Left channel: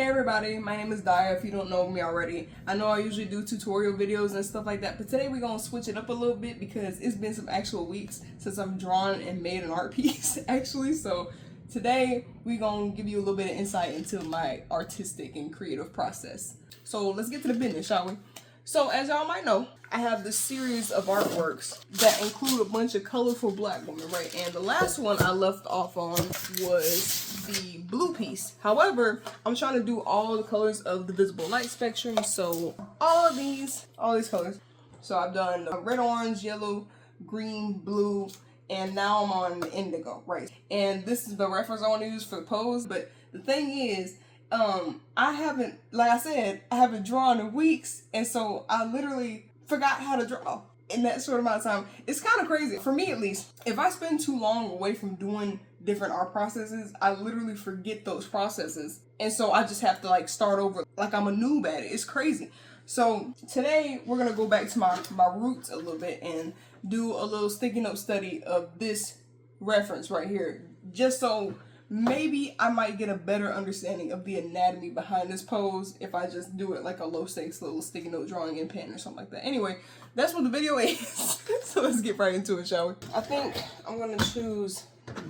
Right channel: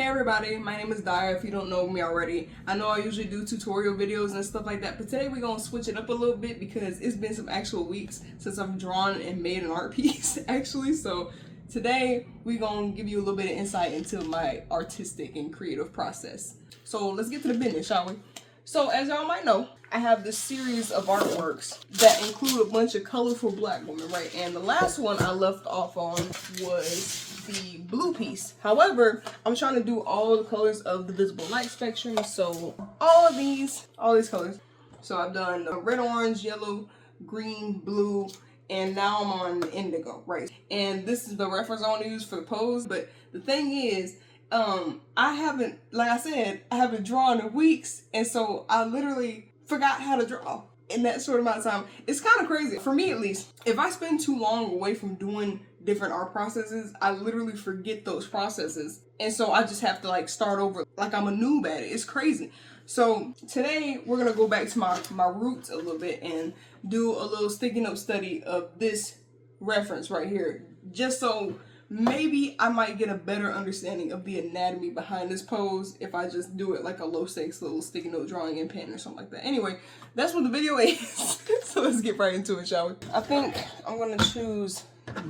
Hey everybody, my name is Daya if you don't know me already. I know I usually do tutorial videos and stuff like that, but today we're gonna switch it up a little bit because it's been some actual weeks since I've drawn and made an art piece actually. So today we're gonna give you a little bit of insight into my artistic and creative process. So let's get to the business, shall we? So as y'all might know, I have this series of artworks that include a bunch of colorful black women, right? And the last one I left off on was the blue piece. However, I'm trying to do all the colors of the visible light spectrum. So all these colors. So I've done red, orange, yellow, green, blue, and now I'm on indigo, right? And this is the reference I want to use for the pose. But the thing is, I haven't, like I said, I haven't drawn in weeks, and so I literally forgot how to draw in that short amount of time. It's kind of crazy, for me at least. If I spend too long away from doing different art processes, I literally forget those processes, and so I just have to like start over like I'm a noob at it. It's crazy. So today we're gonna go back to my roots a little bit and do a little sticky note study of this reference right here, just so maybe I might get a better understanding of the anatomy behind this pose if I just do it like a low stakes little sticky note drawing in pen or something like that. Anyway, that's what the video is. So let's get right into it, shall we? I think I'm gonna choose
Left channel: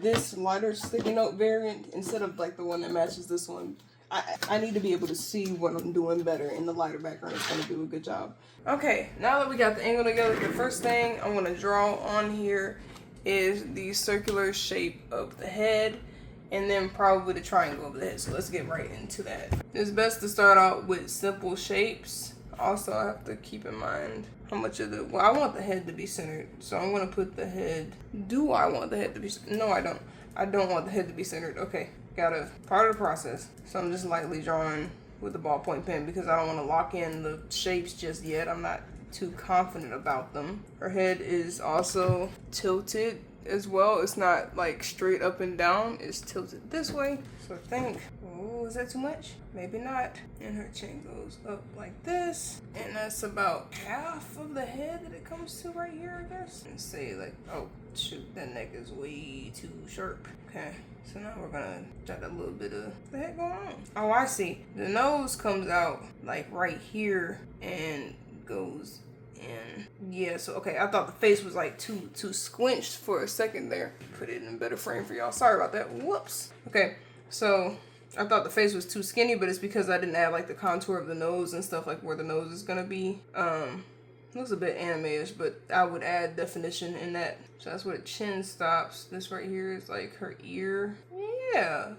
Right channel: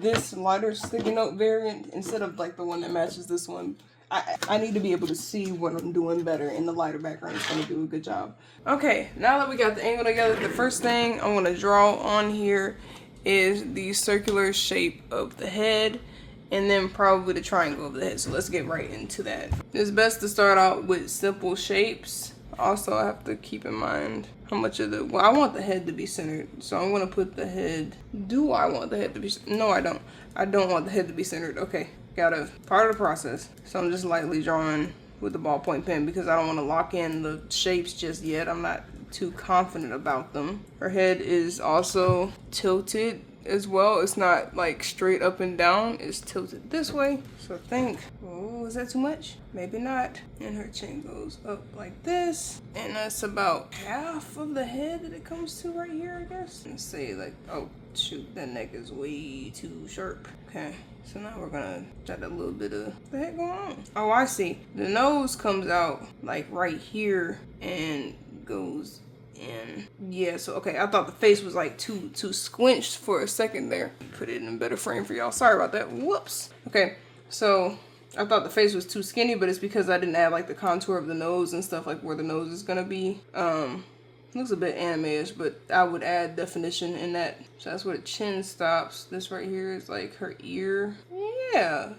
this lighter sticky note variant instead of like the one that matches this one. I need to be able to see what I'm doing better in the lighter background. It's gonna do a good job. Okay, now that we got the angle together, the first thing I'm gonna draw on here is the circular shape of the head, and then probably the triangle of the head. So let's get right into that. It's best to start out with simple shapes. Also, I have to keep in mind how much of the, well, I want the head to be centered. So I'm gonna put the head, do I want the head to be, no I don't. I don't want the head to be centered. Okay, gotta, part of the process. So I'm just lightly drawing with the ballpoint pen because I don't wanna lock in the shapes just yet. I'm not too confident about them. Her head is also tilted as well. It's not like straight up and down, it's tilted this way. So think, oh, is that too much? Maybe not. And her chin goes up like this, and that's about half of the head that it comes to right here, I guess. And say like, oh shoot, that neck is way too sharp. Okay, so now we're gonna got a little bit of the head going on. Oh, I see. The nose comes out like right here and goes in. Yeah, so okay, I thought the face was like too squinched for a second there. Put it in a better frame for y'all. Sorry about that. Whoops. Okay, so I thought the face was too skinny, but it's because I didn't add like the contour of the nose and stuff, like where the nose is gonna be. Looks a bit anime-ish, but I would add definition in that. So that's where the chin stops. This right here is like her ear. Yeah,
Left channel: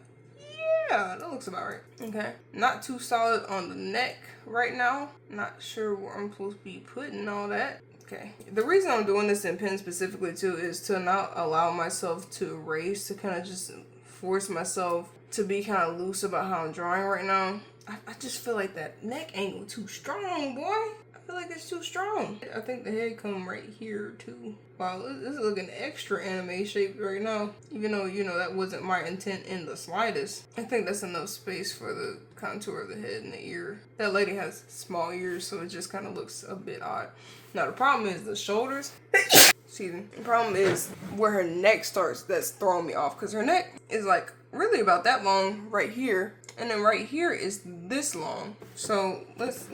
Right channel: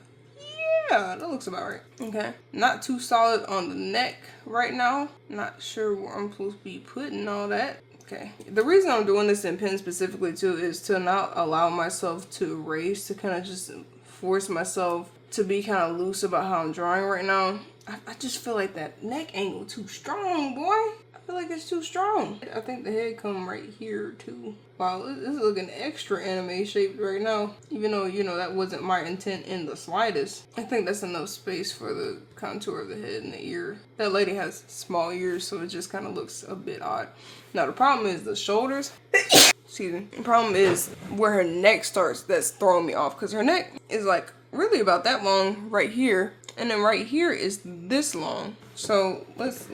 that looks about right. Okay, not too solid on the neck right now. Not sure where I'm supposed to be putting all that. Okay, the reason I'm doing this in pen specifically too is to not allow myself to erase, to kind of just force myself to be kind of loose about how I'm drawing right now. I just feel like that neck angle too strong, boy. I feel like it's too strong. I think the head come right here too. Wow, this is looking extra anime shaped right now. Even though, you know, that wasn't my intent in the slightest. I think that's enough space for the contour of the head and the ear. That lady has small ears, so it just kind of looks a bit odd. Now the problem is the shoulders. Excuse me. The problem is where her neck starts that's throwing me off, because her neck is like really about that long right here, and then right here is this long. So let's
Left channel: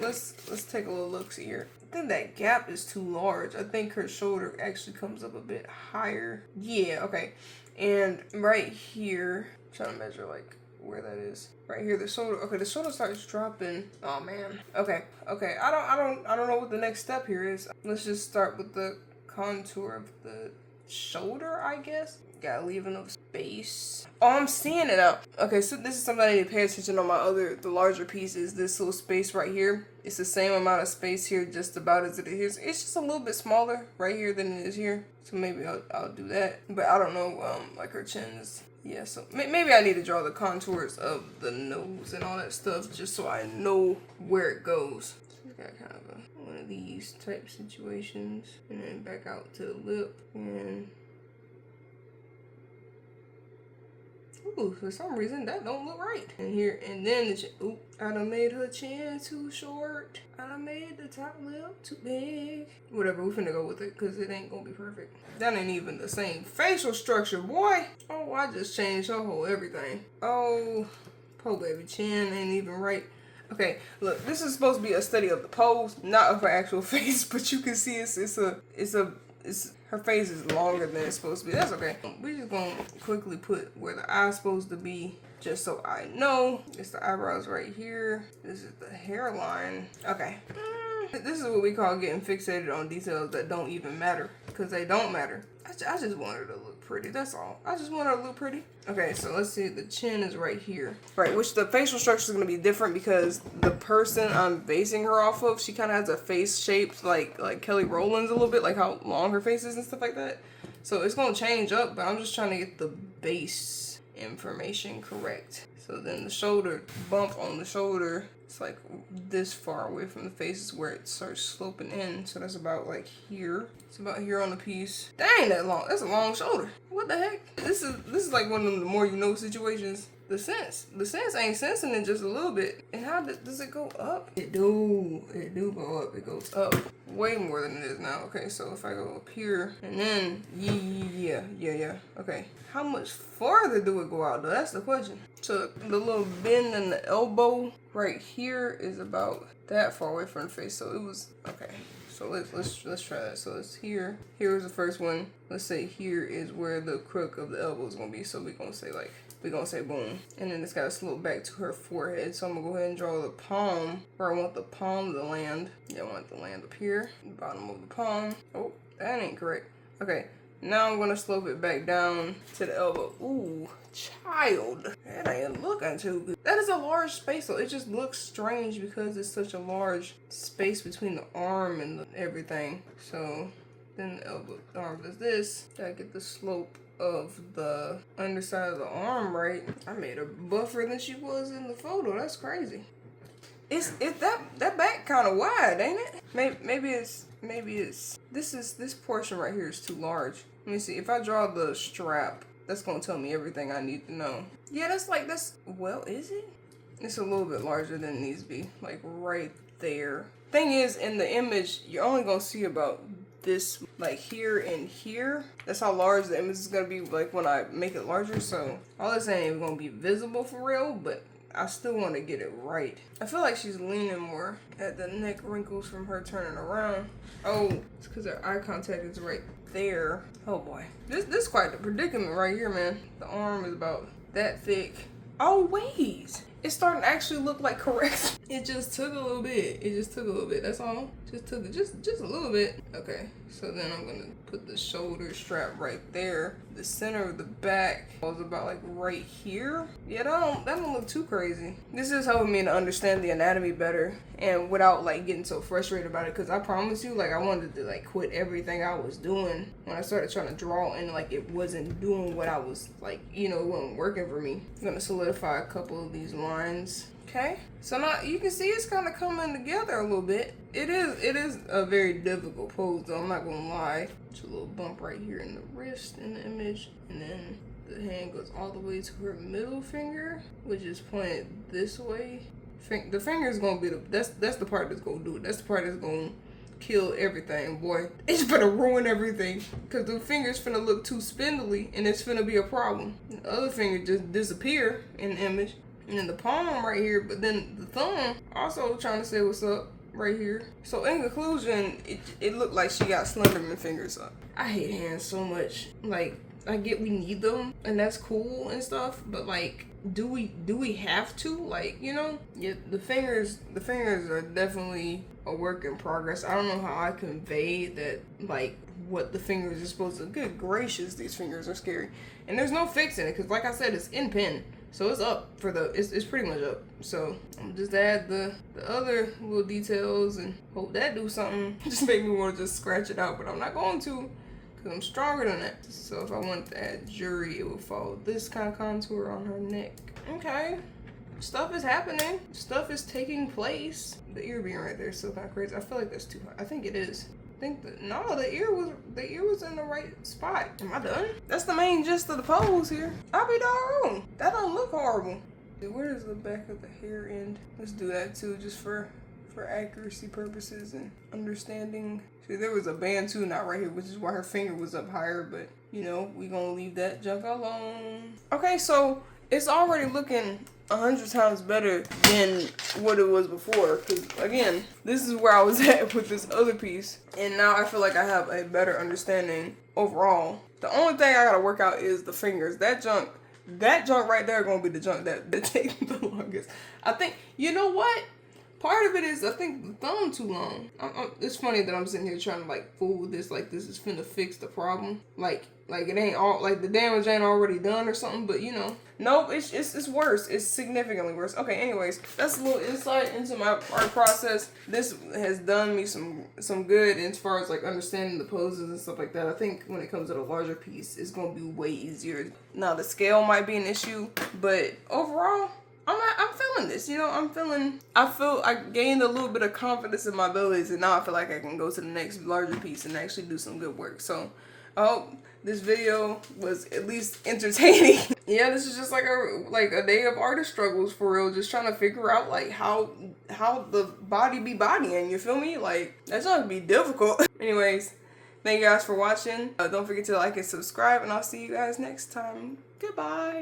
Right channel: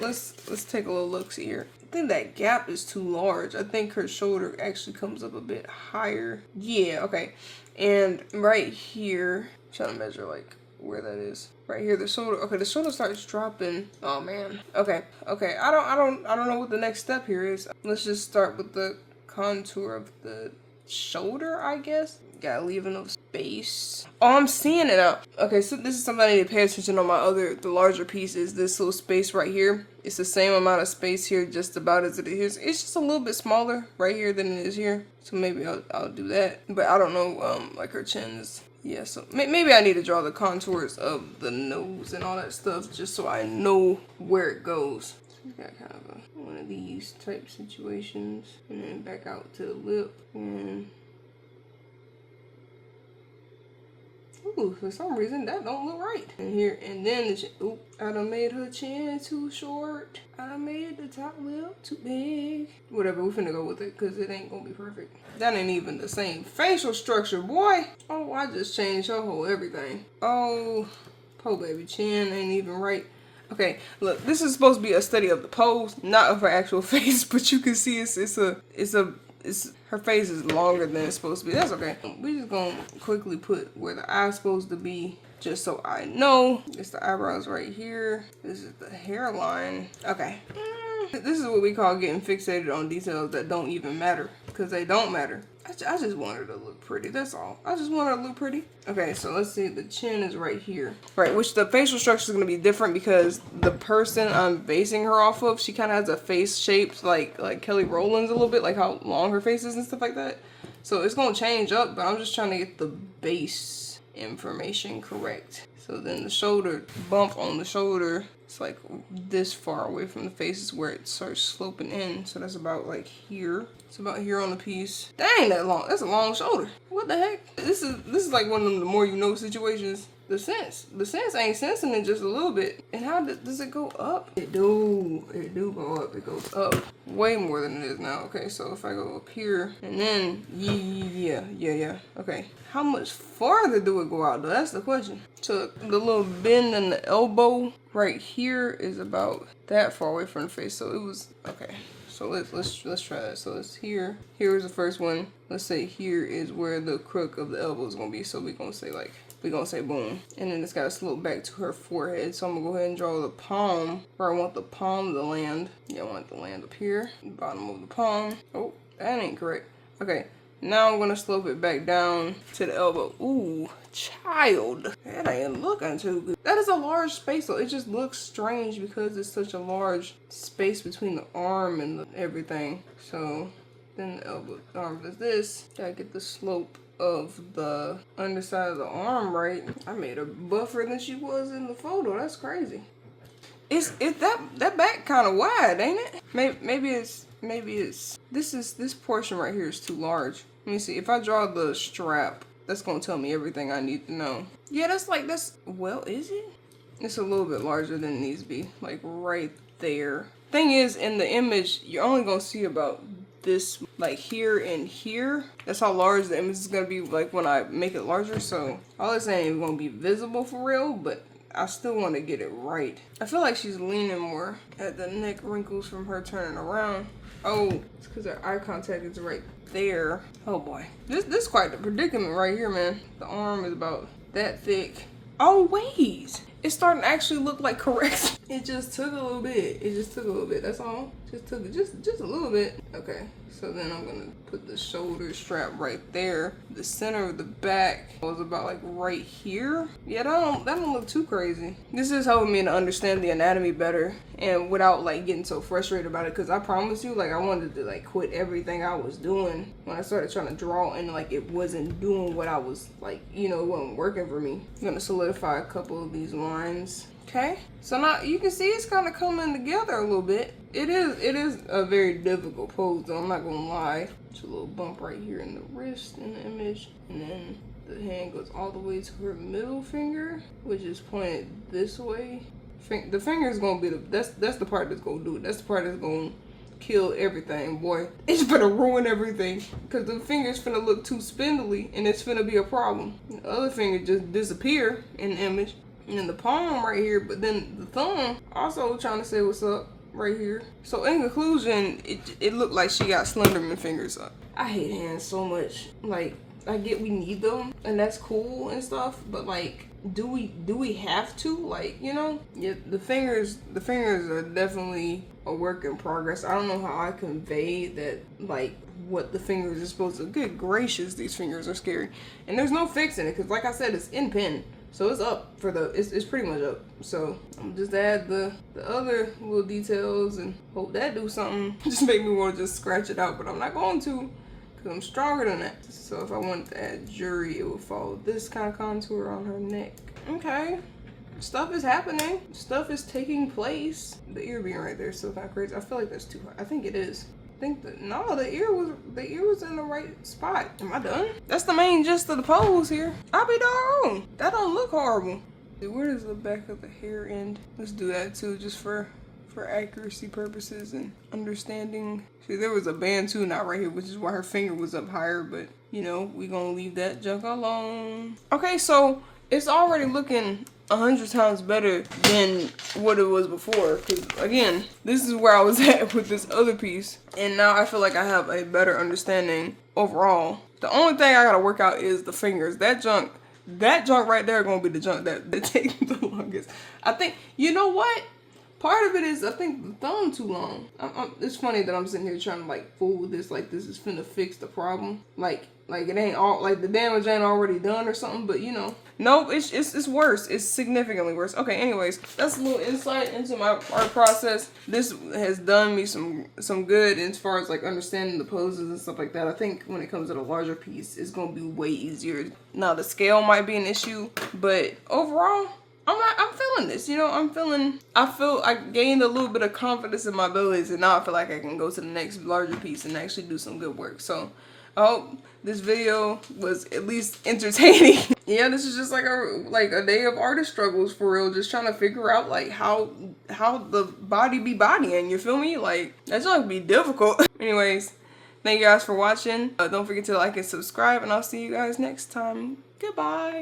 take a little look see here. I think that gap is too large. I think her shoulder actually comes up a bit higher. Yeah, okay. And right here, I'm trying to measure like where that is. Right here, the shoulder. Okay, the shoulder starts dropping. Oh man. Okay. I don't know what the next step here is. Let's just start with the contour of the shoulder, I guess. Gotta leave enough space. Oh, I'm seeing it up. Okay, so this is something I need to pay attention on the larger pieces. This little space right here. It's the same amount of space here, just about as it is. It's just a little bit smaller right here than it is here. So maybe I'll do that. But I don't know, like her chin is, yeah, so maybe I need to draw the contours of the nose and all that stuff just so I know where it goes. So we got kind of one of these type situations, and then back out to the lip, and ooh, for some reason that don't look right. And here, and then the chin. Oop, I done made her chin too short. I done made the top lip too big. Whatever, we finna go with it because it ain't gonna be perfect. That ain't even the same facial structure, boy. Oh, I just changed her whole everything. Oh, Po baby, chin ain't even right. Okay, look, this is supposed to be a study of the pose, not of her actual face, but you can see it's her face is longer than it's supposed to be. That's okay. We just gonna quickly put where the eye's supposed to be, just so I know. It's the eyebrows right here. This is the hairline. Okay. This is what we call getting fixated on details that don't even matter, because they don't matter. I just want her to look pretty, that's all. I just want her to look pretty. Okay, so let's see, the chin is right here. Right, which the facial structure is going to be different because the person I'm basing her off of, she kind of has a face shaped like Kelly Rowland's a little bit, like how long her face is and stuff like that. So it's going to change up, but I'm just trying to get the base information correct. So then the shoulder, bump on the shoulder, it's like this far away from the face is where it starts sloping in. So that's about like here. It's about here on the piece. That ain't that long. That's a long shoulder. What the heck? This is like one of them the more you know situations. The sense ain't sensing it just a little bit. And how does it go up? It do go up. It goes up way more than it is now. Okay, so if I go up here and then yeah. Okay, how much farther do it go out though? That's the question. So the little bend in the elbow right here is about that far away from the face. So it was okay. So let's try that. So it's here. Here is the first one. Let's say here is where the crook of the elbow is gonna be. So we're gonna say boom. And then it's gotta slope back to her forehead. So I'm gonna go ahead and draw the palm where I want the palm to land. Yeah, I want it to land up here. Bottom of the palm. Oh, that ain't correct. Okay. Now I'm gonna slope it back down to the elbow. Ooh, child. That ain't looking too good. That is a large space though. It just looks strange because it's such a large space between the arm and everything. So then the elbow, the arm does this. Gotta get the slope of the underside of the arm right. I made her buffer than she was in the photo. That's crazy. It's that back kind of wide, ain't it? Maybe it's this portion right here is too large. Let me see. If I draw the strap, that's gonna tell me everything I need to know. Yeah, that's well, is it? It's a little bit larger than it needs to be, like right there. Thing is, in the image, you're only gonna see about this, like here and here. That's how large the image is gonna be, like when I make it larger. So all this ain't even gonna be visible for real, but I still want to get it right. I feel like she's leaning more at the neck wrinkles from her turning around. Oh, it's because her eye contact is right there. Oh boy. This is quite the predicament right here, man. The arm is about that thick. Oh wait. It's starting to actually look like correct. It just took a little bit. That's all. Just took it just a little bit. Okay. So then I'm gonna put the shoulder strap right there. The center of the back was about like right here. Yeah, that don't look too crazy. This is helping me to understand the anatomy better and without like getting so frustrated about it. Cause I promise you, like I wanted to like quit everything I was doing when I started trying to draw and like it wasn't doing what I was like, it wasn't working for me. I'm gonna solidify a couple of these lines. Okay, so now you can see it's kind of coming together a little bit. It is a very difficult pose though, I'm not gonna lie. Just a little bump right here in the wrist in the image, and then the hand goes all the way to her middle finger, which is pointed this way. The finger is gonna be that's the part that's gonna do it. That's the part that's gonna kill everything, boy. It's gonna ruin everything, because the finger's finna look too spindly and it's finna be a problem. The other finger just disappear in the image. And then the palm right here, but then the thumb also trying to say what's up right here. So in conclusion, it looked like she got Slenderman fingers up. I hate hands so much. Like, I get we need them and that's cool and stuff, but like, do we have to? Like, yeah, the fingers are definitely a work in progress. I don't know how I convey that, like, what the fingers are supposed to. Good gracious, these fingers are scary. And there's no fixing it, because like I said, it's in pen. So it's up for it's pretty much up. So I'm just add the other little details and hope that do something. Just make me want to just scratch it out, but I'm not going to, because I'm stronger than that. So if I wanted to add jury, it would follow this kind of contour on her neck. Okay. Stuff is happening. Stuff is taking place. The ear being right there is so kind of crazy. I feel like that's too high. I think it is. No, the ear was in the right spot. Am I done? That's the main gist of the pose here. I'll be doggone. That don't look horrible. Where does the back of the hair end? Let's do that too, just for accuracy purposes and understanding. See, there was a Bantu knot right here, which is why her finger was up higher, but we gonna leave that junk alone. Okay, so it's already looking 100 times better than what it was before. Because again, this is where I was at with this other piece, and now I feel like I have a better understanding overall. The only thing I gotta work out is the fingers. That junk right there gonna be the junk that takes the longest. I think, you know what? Part of it is, I think, the thumb too long. It's funny that I'm sitting here trying to, like, fool with this, like, this is finna fix the problem. Like it ain't all, like, the damage ain't already done or something, but, you know. Nope, it's worse. It's significantly worse. Okay, anyways, that's a little insight into my art process. This has done me some good as far as, like, understanding the poses and stuff like that. I think when it comes to the larger piece, it's gonna be way easier. Now, the scale might be an issue, but overall, I'm feeling this, you know. I feel I gained a little bit of confidence in my abilities, and now I feel like I can go to the next larger piece and actually do some good work. So I hope this video was at least entertaining. Yeah, this is just like a day of artist struggles for real, just trying to figure out like how the body be bodying, you feel me? Like, that's gonna be difficult. Anyways, thank you guys for watching. Don't forget to like and subscribe, and I'll see you guys next time. Goodbye.